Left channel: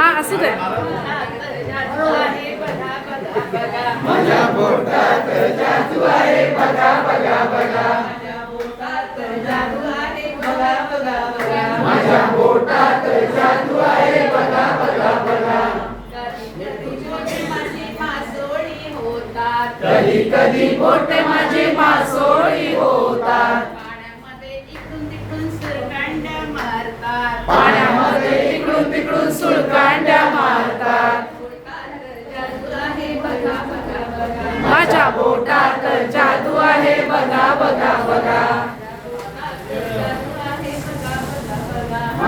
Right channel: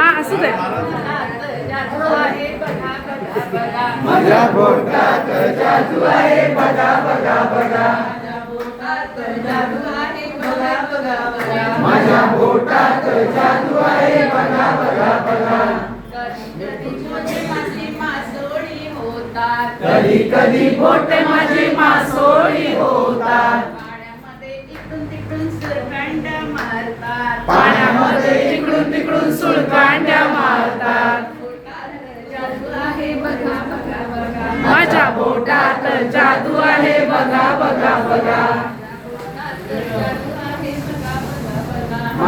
हा असू दे. माझ्या बोटात जादू आहे बघा बघा बघा. माझ्या बोटात जादू आहे बघा बघा बघा. कधी कधी बोट माझी मासोळी होतात. पाण्यामध्ये इकडून तिकडून सुळकांड्या मारतात. माझ्या बोटात जादू आहे बघा बघा बघा.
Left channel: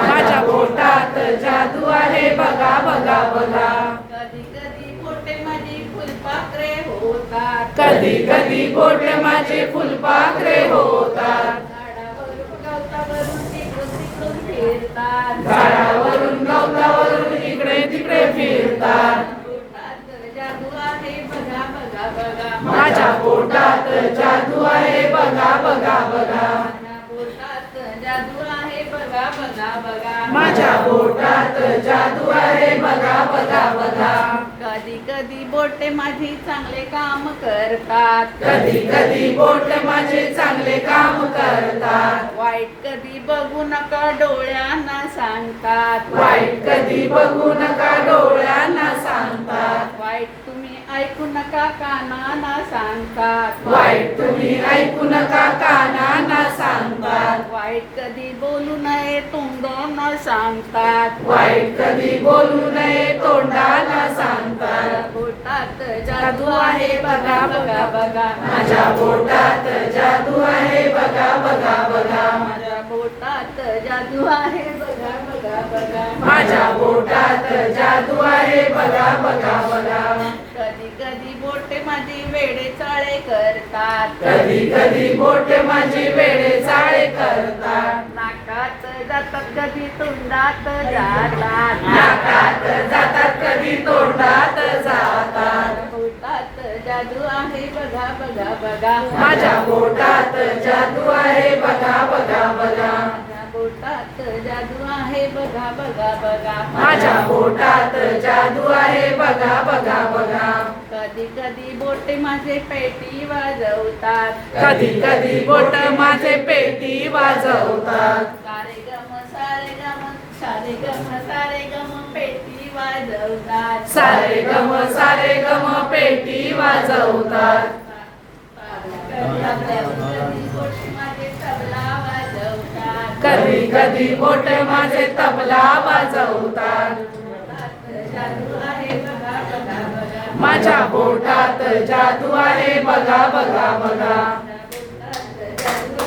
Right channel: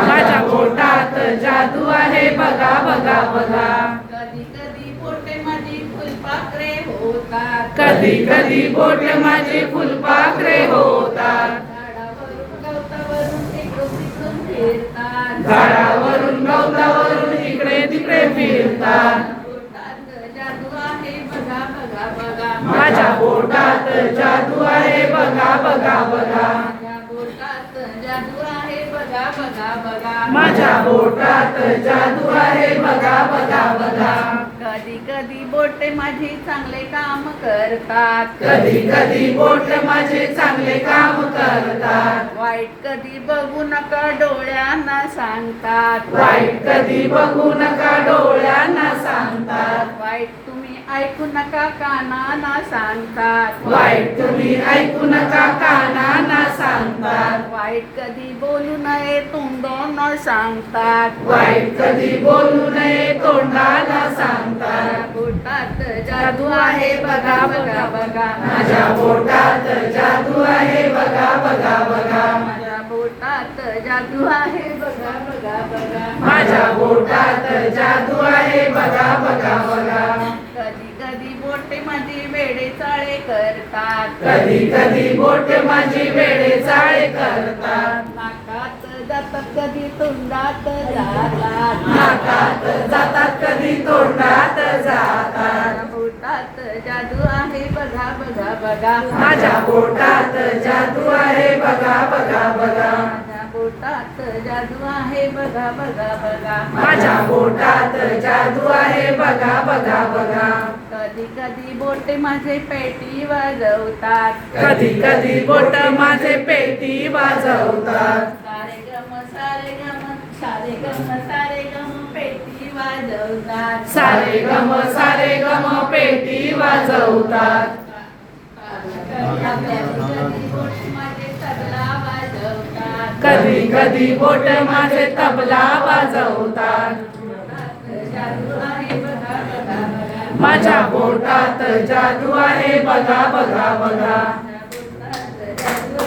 माझ्या बोटात जादू आहे बघा बघा बघा. कधी कधी बोटे माझी फुलपाखरे होतात. कधी कधी बोट माझी फुलपाखरे होतात. झाडावरून गवतावरून इकडे तिकडे फिरतात. जादू आहे बघा बघा बघा. माझ्या बोटात जादू आहे बघा बघा बघा. बोटात जादू आहे बघा बघा बघा. माझ्या बोटात जादू आहे बघा बघा बघा. कधी कधी बोटे माझी चांगले काम करतात. कधी कधी बोट माझे चांगले काम करतात. वाईट कधी बघू नका डोळ्यांना सांगतात. वाईट कधी बघू नका डोळ्यांना सांगतात. वाईट तुम्ही ऐकू नका कानांना सांगतात. वाईट तुम्ही ऐकू नका कानांना सांगतात. वाईट कधी बोलू नये तोंडानं सांगतात. वाईट कधी बोलू नये तोंडाला सांगतात. बोटात जादू आहे बघा बघा बघा. माझ्या बोटात जादू आहे बघा बघा बघा. माझ्या बोटात जादू आहे बघा बघा बघा. माझ्या बोटात जादू आहे बघा बघा बघा. कधी कधी बोटे माझी वेडे चाळे करतात. कधी कधी बोट माझी वेळे चाळे करतात. नाकात जातात कधी तोंडात जातात. नाकात जातात कधी तोंडात जातात. बोटात जादू आहे बघा बघा बघा. माझ्या बोटात जादू आहे बघा बघा बघा. माझ्या बोटात जादू आहे बघा बघा बघा. माझ्या बोटात जादू आहे बघा बघा बघा. कधी कधी बोटे माझे पेटी वाजवतात. कधी कधी बोट माझे पेटी वाजवतात. सारे गम सारे गम सारे गम सारे गम पेटी वाजवतात. सारे गम पेटी वाजवतात. कधी बोटे माझे तबला वाजवतात. कधी कधी बोट माझे तबला वाजवतात. जादू आहे बघा बघा बघा. माझ्या बोटात जादू आहे बघा बघा बघा. बोटात जादू